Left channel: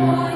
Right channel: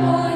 Lord.